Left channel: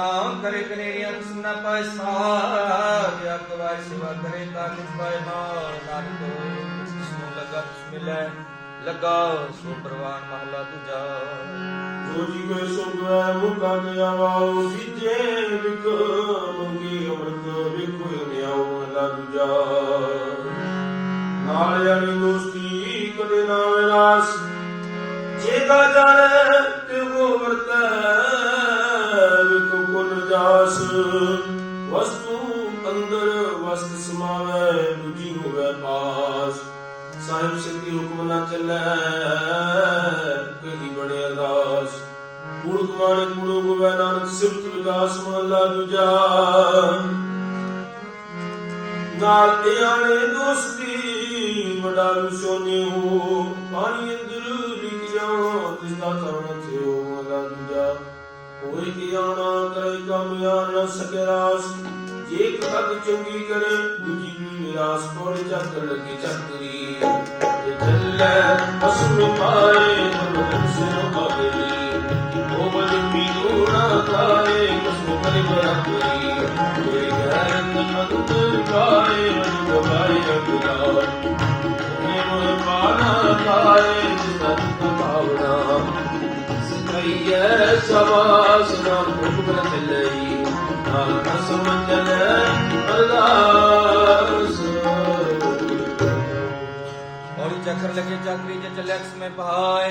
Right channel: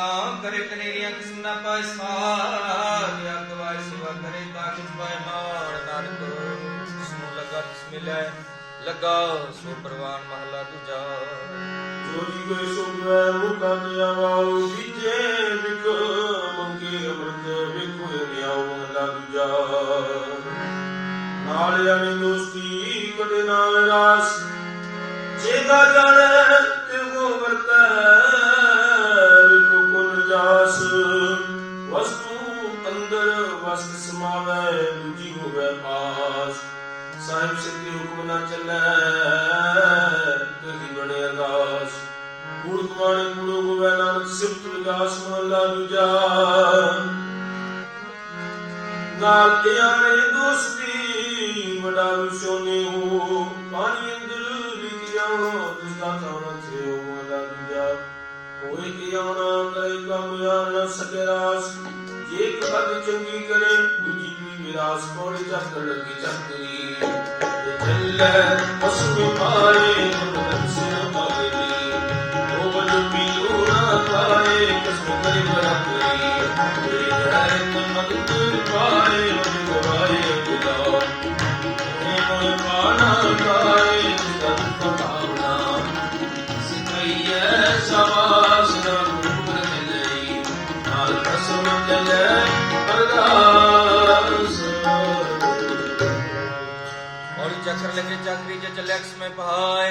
ਨਾਮ ਕਰੇ ਕਨੇਰੀਆਂ ਕਿਸਮ ਨਾ ਪਾਏ ਸਾਰ। ਅੱਗ ਵਾਰ ਸੇਵਾ ਕਰੇ ਤਾਂ ਕਿਸ ਪਾਏ ਮਾਰ ਨਾਨਕ ਜਿਸ ਨੂੰ ਲੱਗਾ ਤਿਸ ਮਿਲੈ ਲੱਗਾ ਸੋ ਪ੍ਰਵਾਨ ਮਹਲਾ ਦੂਜਾ। ਜੋ ਜੀ ਕੋ ਸੋਧਵੈ ਮੁਕਾ ਤੇ ਆਵਾਉ ਸੀਜੇ ਵਿਕ ਮੰਗੇ ਅੰਮ੍ਰਿਤ ਵਿਖੋ ਲਿਆਉ ਮਹਲਾ ਦੂਜਾ। ਨਾਲ ਯਾਨੀ ਦੋਸਤੀ ਕਦੇ ਨਾ ਵਿਨਾਸ਼ ਜੇਗਾ ਜਾਣੈ ਤਿਉ ਵਰਤੈ। ਕੁਨ ਵਸਤੂ ਅੰਦਰ ਵਸਤ ਸਮਾਵੈ, ਦੂਜੀ ਹੋਵੇ ਪਾਸ ਸਾਹਿਬ ਸਿੱਧੀ ਹੁਕਮ ਨਾ ਚੱਲੈ, ਕਹੀ ਬਣੇ ਅਦਾਸ ਗੁਰੂ ਕੁਮਾਰੇ ਗੁਰੂ ਗੋਬਿੰਦ ਨਾਨਕ ਸਿਫਤ ਵਿਗਾਸ ਮਹਲਾ ਦੂਜਾ। ਨਾਲ ਧਿਆਨੇ ਦੋਸਤੀ, ਵਡਾਰੂ ਸੋਨੇ ਹੋ, ਪਾਣੀ ਅੰਦਰ ਲਿਖਿਆ ਜਿਸ ਦਾ ਹੋਏ ਕਿ ਆਉਣਾ ਕਰੇ ਕੰਮ ਯਾਰ ਨ ਸਕੇ ਰਾਸ ਜੇ ਕਦ ਚੰਗੀ ਕਰੇ ਦੂਜੀ ਵੀ ਨਿਰਾਸ਼ ਕੋਲੇ ਚੱਕ ਲੱਗੀ ਚੱਕਰੀ ਤੇ ਚੱਲੇ ਅਸੂ ਪਾਏ चक्र लगे चाकरी जे चलक्ष में पहाए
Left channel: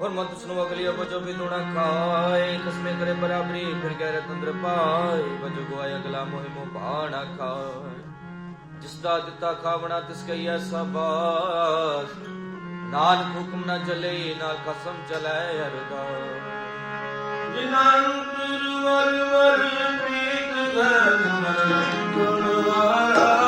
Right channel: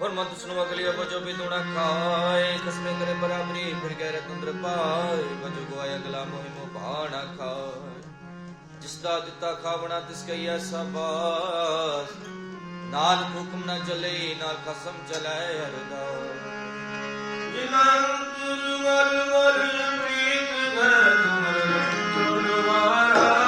और मत सुनो अगलियों को जो भी तोड़ा खाए खसमे करे बराबरी फिर गहरे तंत्र पाए बजो गोया अगला मोहि मो भाणा खाए जिसदा दिता खावना तिसके यह सबास नानक हुक्म न चले नाल कसम चलाए हरदा जिना अंतर वर वर प्रीत घर घर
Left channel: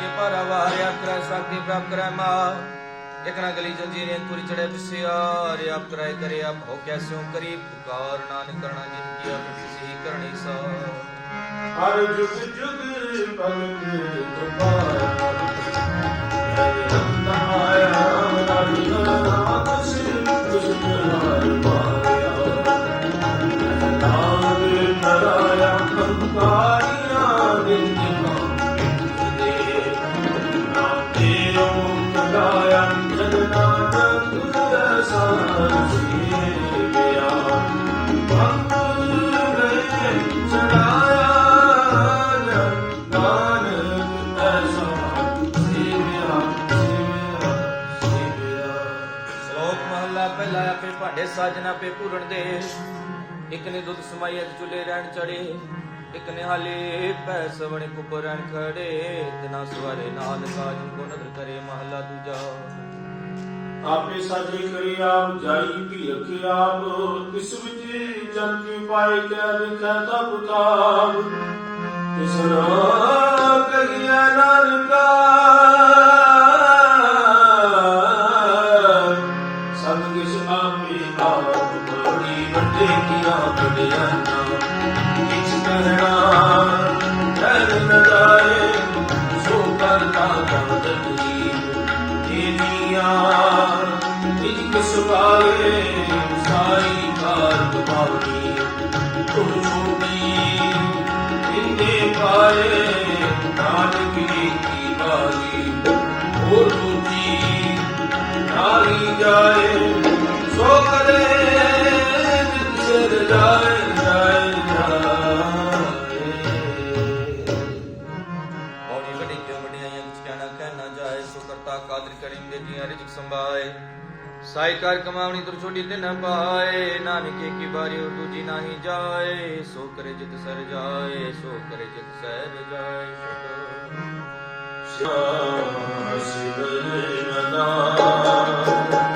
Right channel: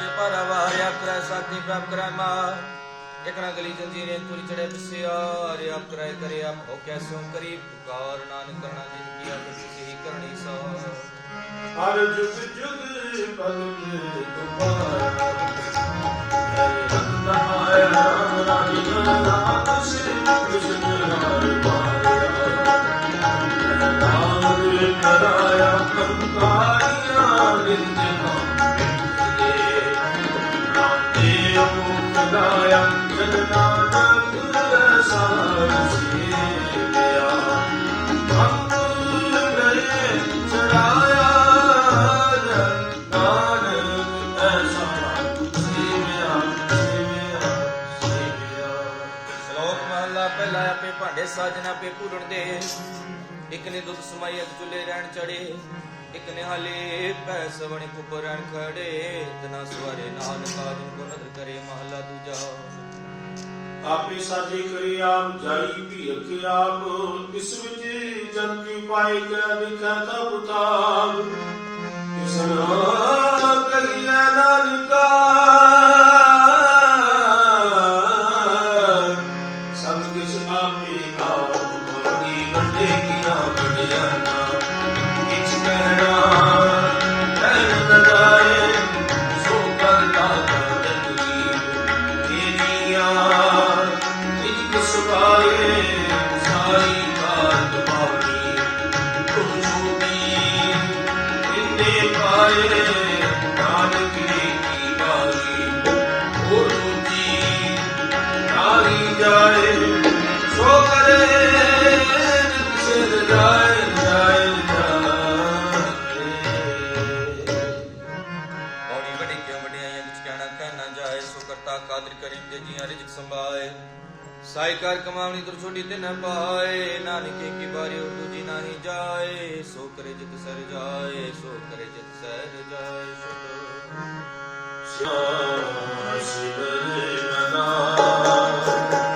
ਕੇ ਪਰ ਵਾਰਿਆ ਕਰੈ ਸਾਖੀ ਪ੍ਰਾਪ ਕਰੈ ਮਾ। ਇਕ ਨਾ ਗਲੀ ਜੰਜੀਰੇ ਤੁਰ ਚੜੇ ਬਸਿਆਰ ਆਪ ਕਰੈ ਕਰੇ ਆਪ ਹੋ ਕੈਸਿਓ ਕਰੀ ਪੁਕਾਰ। ਨਾਨਕ ਕਰਣਾ ਜਿਨ ਕੀ ਆਪ ਸਿੱਧੀ ਕਰਨੀ ਸਾ ਹਰ ਜੁਗ ਜੁਗ ਭਗਤ ਤੁਮਾਰਾ ਰਾਜੀ ਭਾਂਡੇ ਸਾਜਣਾ ਪੇ ਪੂਰਨ ਦੇ। ਇਕ ਨੇ ਦੁੱਧ ਸਮਾਈ ਅਜ ਚੁਲੇ ਰਹਿਣ ਚੜੇ ਇਕ ਨੇ ਹਾਲੇ ਪੈ ਸਵਣੇ ਕੁਪਰ ਰਹਿਣ ਖੜੇ। ਤਨਾ ਸਵਾਰੇ ਨਾਨਕਾ ਜਿਨ ਕੋ ਨਦਰ ਕਰੇ ਮਹਲਾ ਦੂਜਾ। ਆਪੇ ਸਾਜੀ ਕਰੀ ਆਪ ਜਾਈ ਵੀ ਰੱਖੇ ਆਪ। ਕਿਸ ਵਿੱਚ ਜਨ ਕੀ ਪਾਏ ਕੈ ਲਿਖੈ ਤਬ ਤਾਬ ਕਿਸ ਨਾ ਸੰਭਾਏ। ਸਾਈ ਕਰ ਕਮਾਉਣੀ ਤੁਰ ਛੋਡੀ ਤੇ ਨਾ ਪਾਏ। ਨਾਨਕੇ ਕੀ ਬਾਰੀ ਔਰ ਦੂਜੀ ਨਾਹੀ ਜਾਏ। ਸੋ ਕਰੇ ਜਿਤ ਸਰ ਜਾਏ, ਸੋ ਕਰੇ ਜਿਤ ਸਰ ਜਾਏ। ਸ਼ੁਕਰ ਸ਼ਾਸਿਰ ਨਦਾ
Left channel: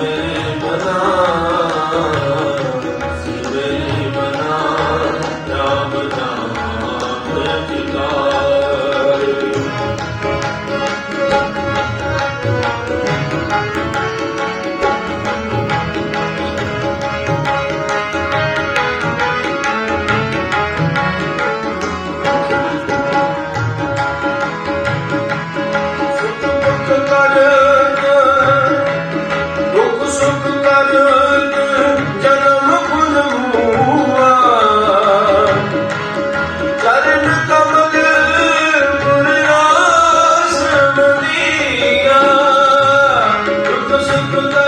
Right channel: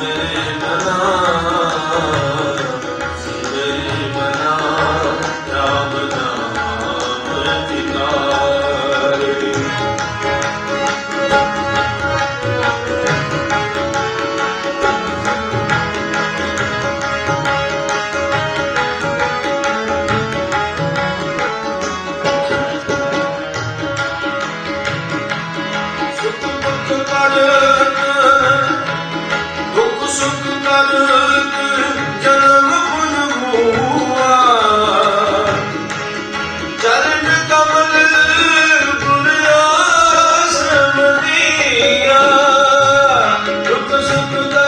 Amen. Good luck.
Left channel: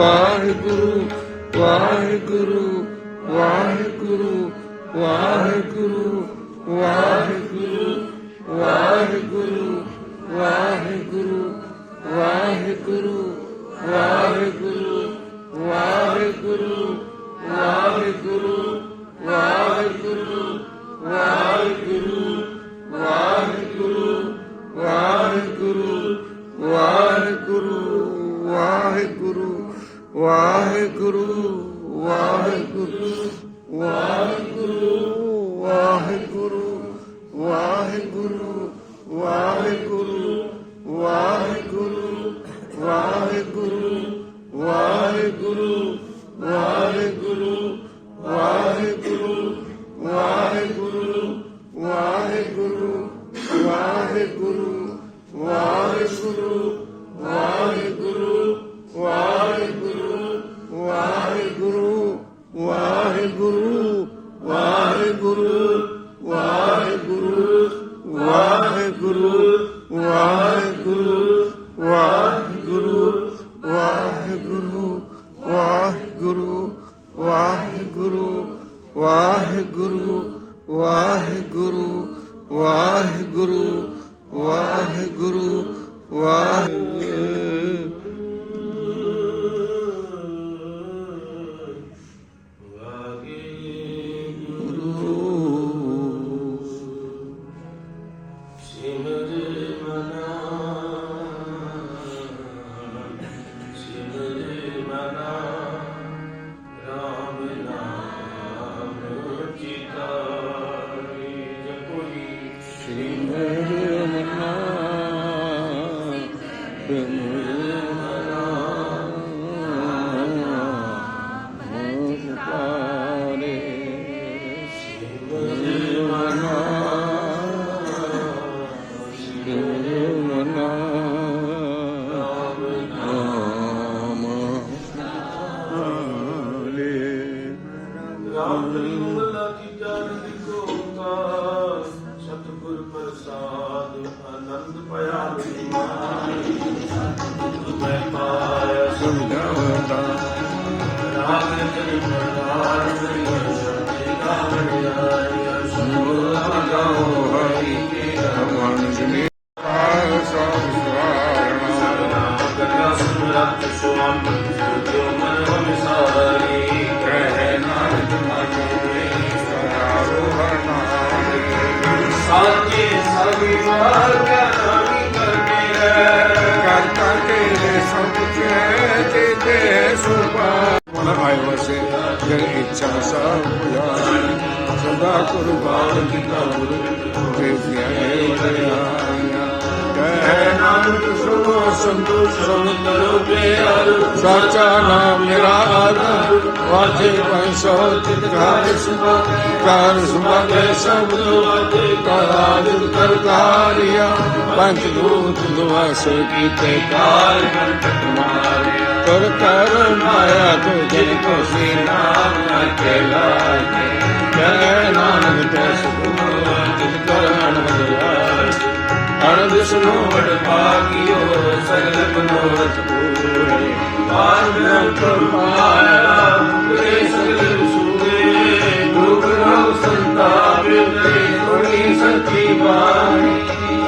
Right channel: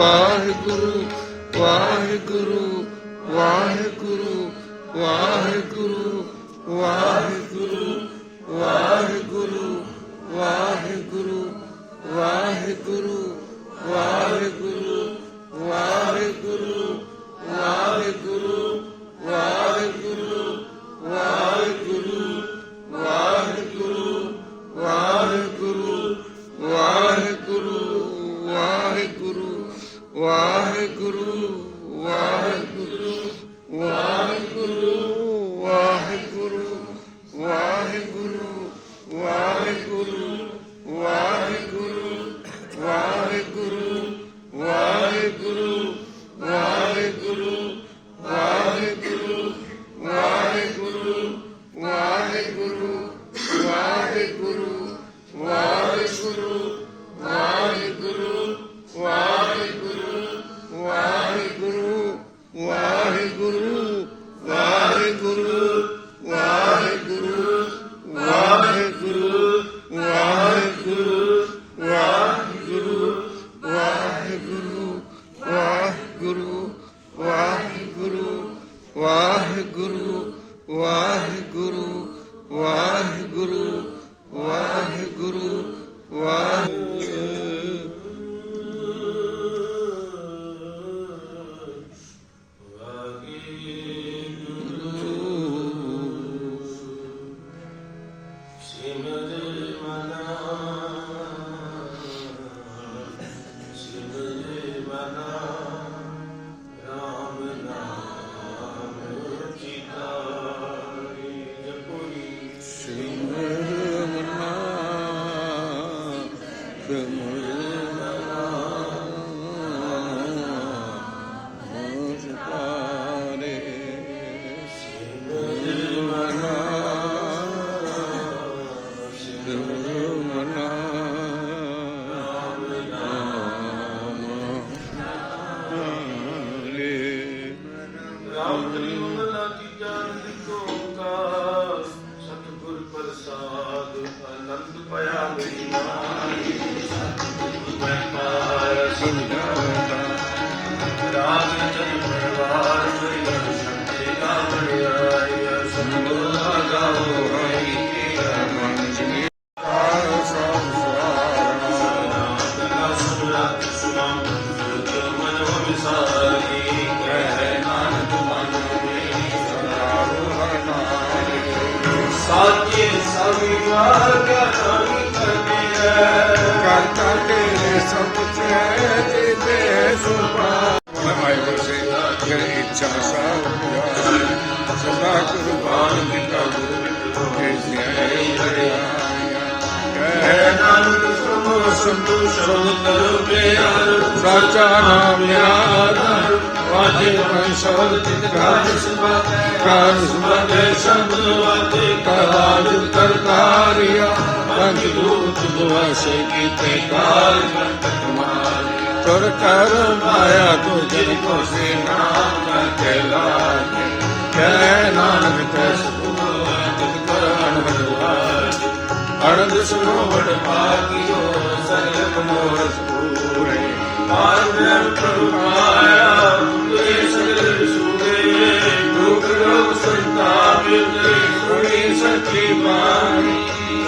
Waheguru Waheguru Amen. ਕਰਤਾ ਤੀਜਾ ਨਿਕ ਓੰਕਾਰ, ਸਤਿਗੁਰ ਪ੍ਰਸਾਦ, ਆਨੰਦ ਪਿਆ ਬਿਨਾਈ ਸਤਿਗੁਰ ਮੈਂ ਪਾਇਆ ਸੁਣਦਾ ਰਾਜ ਜਨਮ ਰਾਜ ਮੇਰੀ ਸਤਿ ਕਾ ਮਿਲਾਇਆ ਸਤਿਗੁਰ ਗਾਉ तिथे सुपा मन आयवसे जर इच्छा सा पूजा सदा गुरु बाल किता गुरु के ज्ञाने वदया जय नानक सुनो संतोष रहो नमो साचा नाम मेरा आधार ਵਾਜੇ ਪੰਸੋ ਤਿਕਾਰ ਕਾਰ ਸੁਭਾਗੇ ਸਭ ਤੋਂ ਕਾਜ ਕਰਤਾਰਿਆ ਪੰਜ ਭੂਤ ਦੁਆਸ ਕੀਤੇ ਕਾਲ ਕਰ ਕਰ ਮਾਇਆ ਤੋ ਜਨ ਕੋ ਸੇ ਨਾਮ ਕੇ ਲਾਗੇ ਕੈ ਨਾਨਕ ਕੋ ਸੁਖ ਕਰ ਅਨੰਦਵਾਰ ਅਨੰਦ ਸੁਨੋ ਵਡ ਭਾਗਿਓ ਸਗਲ ਮਨੋਰਥ ਪੂਰੇ।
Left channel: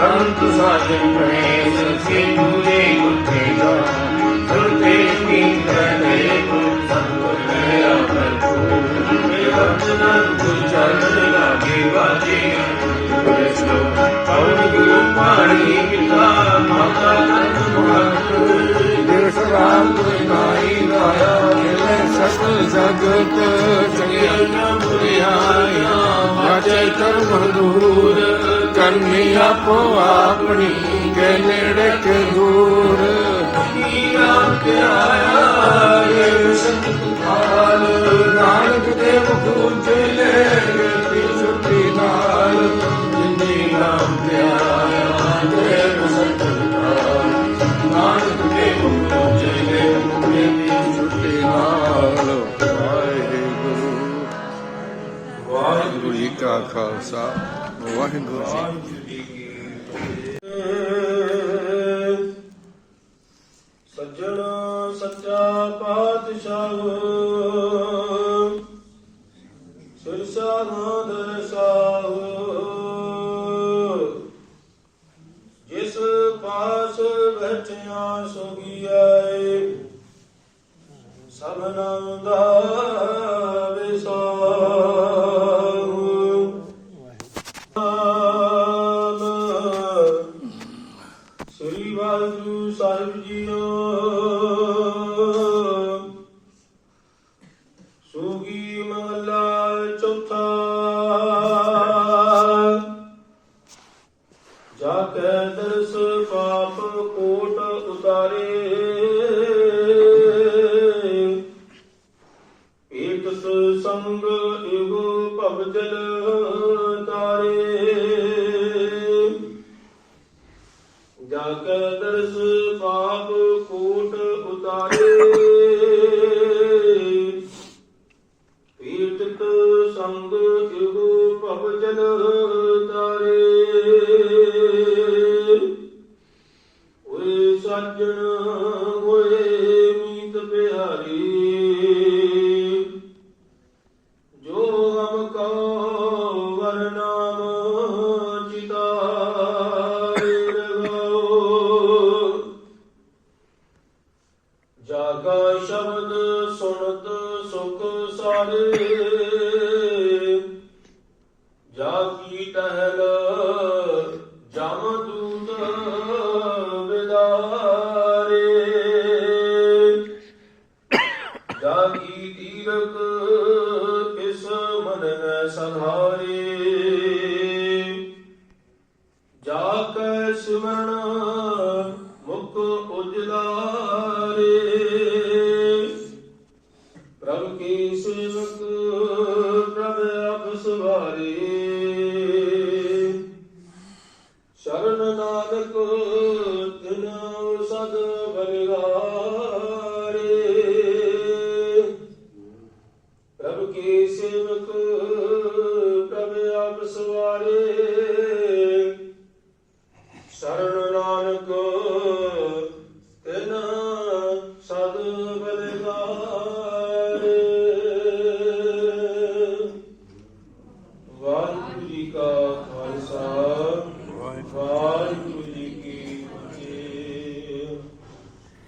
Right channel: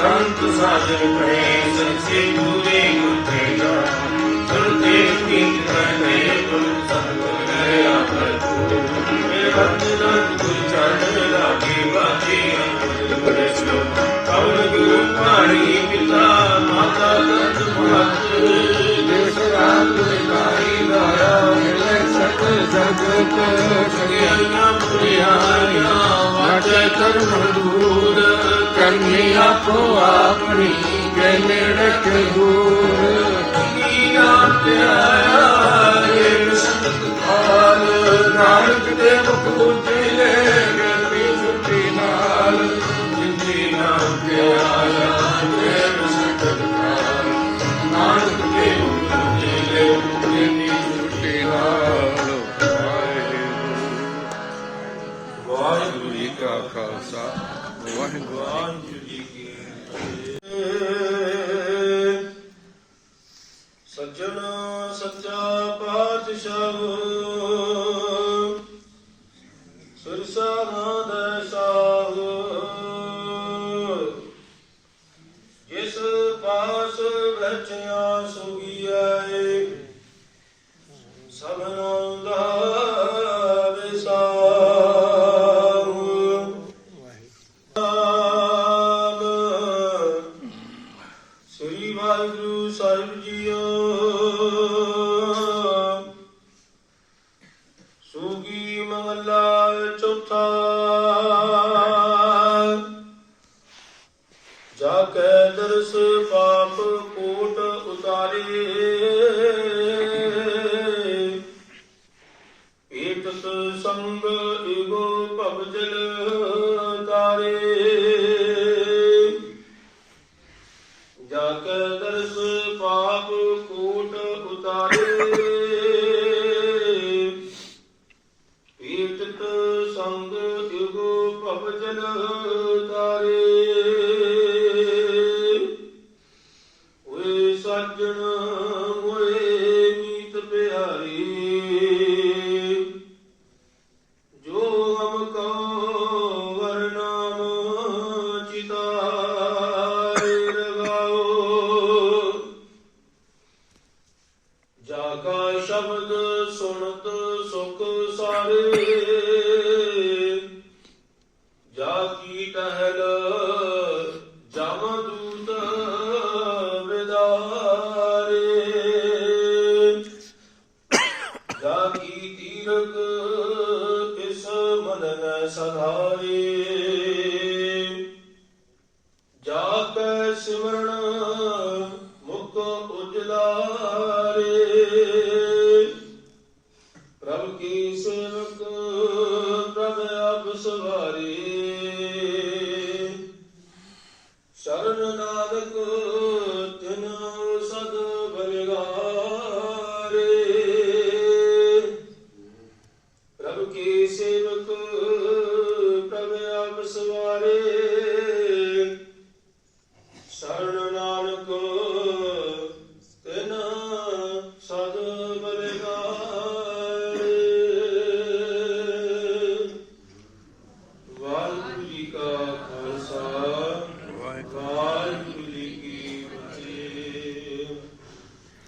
ਸੰਤ ਸਾਜਨ ਕਹੇ ਸੱਚੇ ਮੂਰੇ ਗੁਰਤੇ ਜਾ ਸੁਨਤੇ ਕੀਤ ਕਰਤੇ ਗੁਰ ਸਤਗੁਰ ਗਿਆ ਪ੍ਰਭੂ ਮੇਰੇ ਵਚਨ ਗੁਰ ਚੜ੍ਹ ਲਾਗੇ ਵਾਜੇ ਗੁਰੇ ਸੋ ਪਵਨ ਗੁਰੂ ਪਾਣੀ ਪਿਤਾ ਸਤ ਜਗਤ ਸਗਿਆਨਾ ਪੁਰਿਆਇਆ ਨਾਚੇ ਕਰਮ ਦੂਰ ਕਰਨੀ ਆਪੋ ਆਪਣੀ ਜੇ ਨੇੜੇ ਤੇ ਦੂਰ ਕੀਆ ਨਾਨਕ ਦੇ ਮੁਖ ਉਜਲੇ ਰੇ ਛੁੱਟੀ ਨਾਲ ਜਿੰਦੀ ਨਾਮ ਪਿਆਰਾ ਜੇ ਖਾਲਸਾ ਵਾਹਿਗੁਰੂ ਜੀ। ਕੀ ਸੱਜਣ ਸੱਚਾ ਪਾਤਸ਼ਾਹ। করে